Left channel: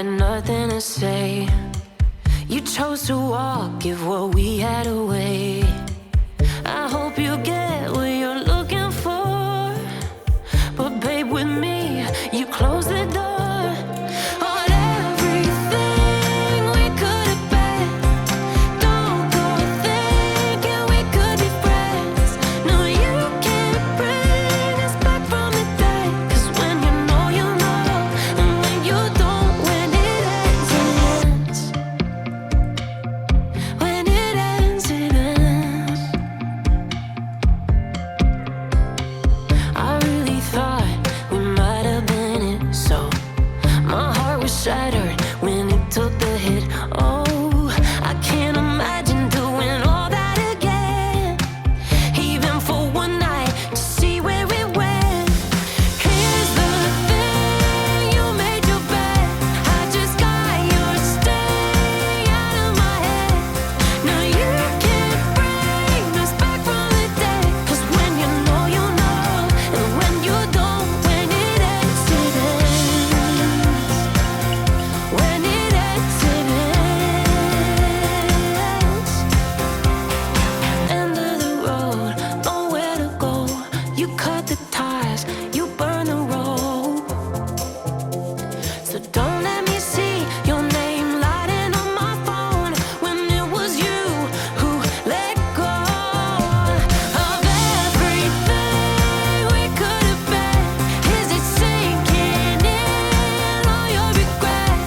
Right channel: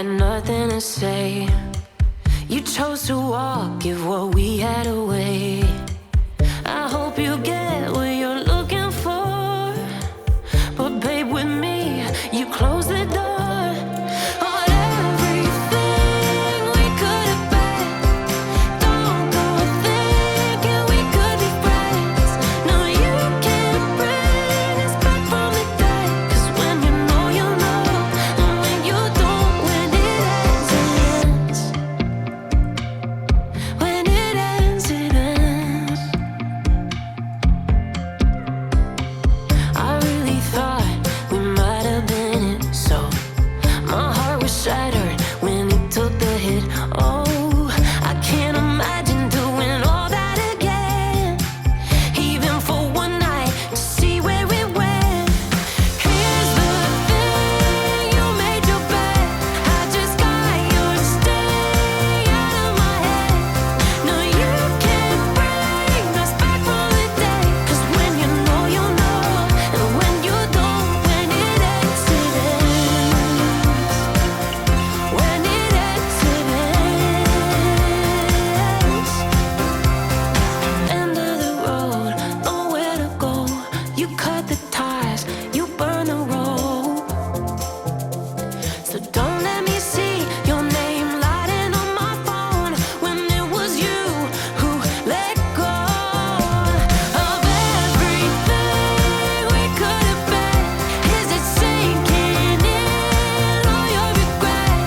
had nothing to say. You chose to walk, give what we had away. I hope you get what you're looking for, but babe, with me, you close the door on everything we could have been. Don't go thinking we could be friends. No, you can't bring us back from the dead. 'Cause when you know, you know, and when you don't, when it ends, it ends. When it ends, it ends. I really thought we might have been it, so my heart was shattered when it took the hit. Oh, I can't imagine doing all that again, even for one night, to see where it went. Here's the thing, you made your bed, I just got your stay out of my head. No, you can't bring us back from the dead. 'Cause when you know, you know, and when you don't, when it ends, it ends. When it ends, it ends. End of the road, nowhere to go. You cut the ties, you burn the rope. So don't let me see your name lighting on my phone when it was you who let go of everything we could have been. Is it sinking in all your regret?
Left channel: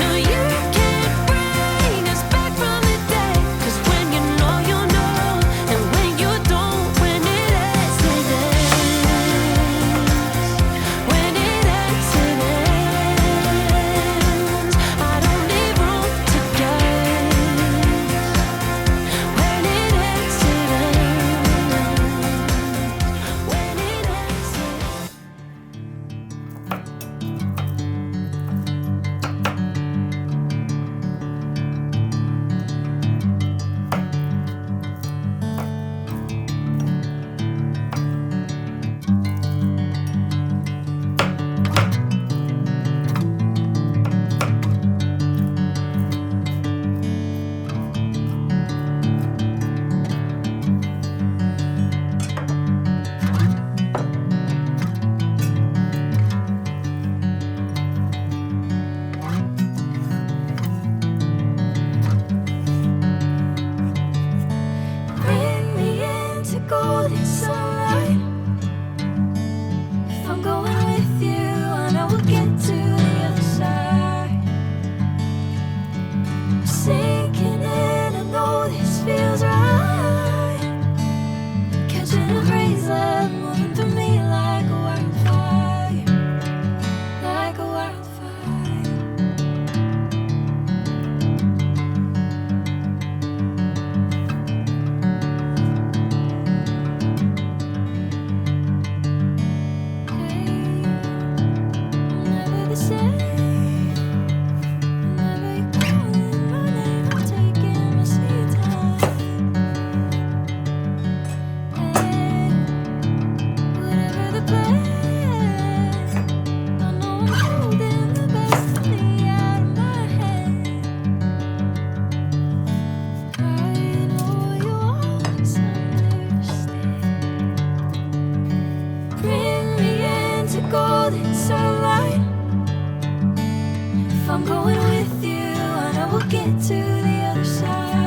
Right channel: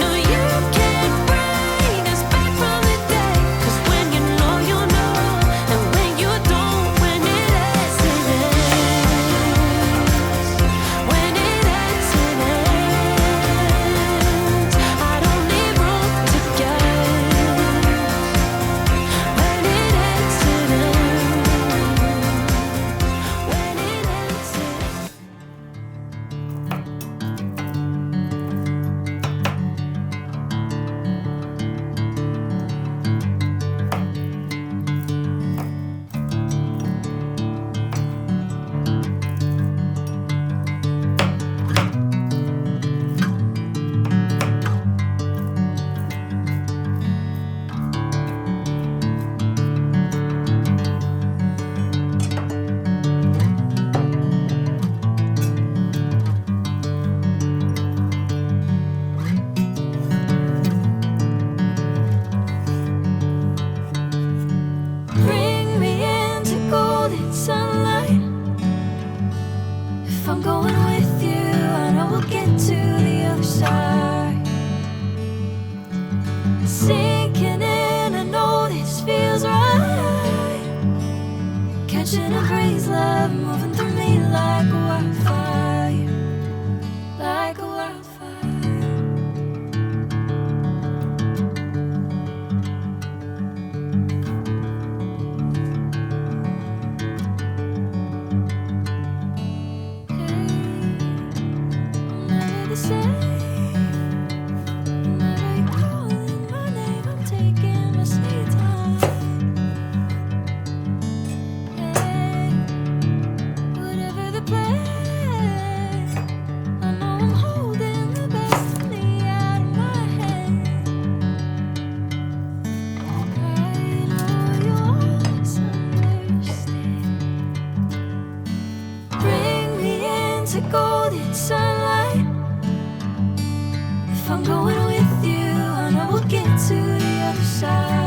No, you can't bring us back from the dead. 'Cause when you know, you know, and when you don't, when it ends, it ends. When it ends, it ends. I don't leave room to guess. When it ends, it ends. When it ends, it ends. Bring me into golden sunlight. If I'm going with you, I know we'll get to the other side. Sinking in, I know this feels right. Catching a crazy love moving through me like a wildfire, like a wildfire. I'm never the same. Whenever you're calling my name, I'm taking my sweet time. Hey, whatever the plan, I know I'm holding the best of me out of my hand. I know you always understand. Bring me into golden sunlight. If I'm going with you, I know we'll get to the other side.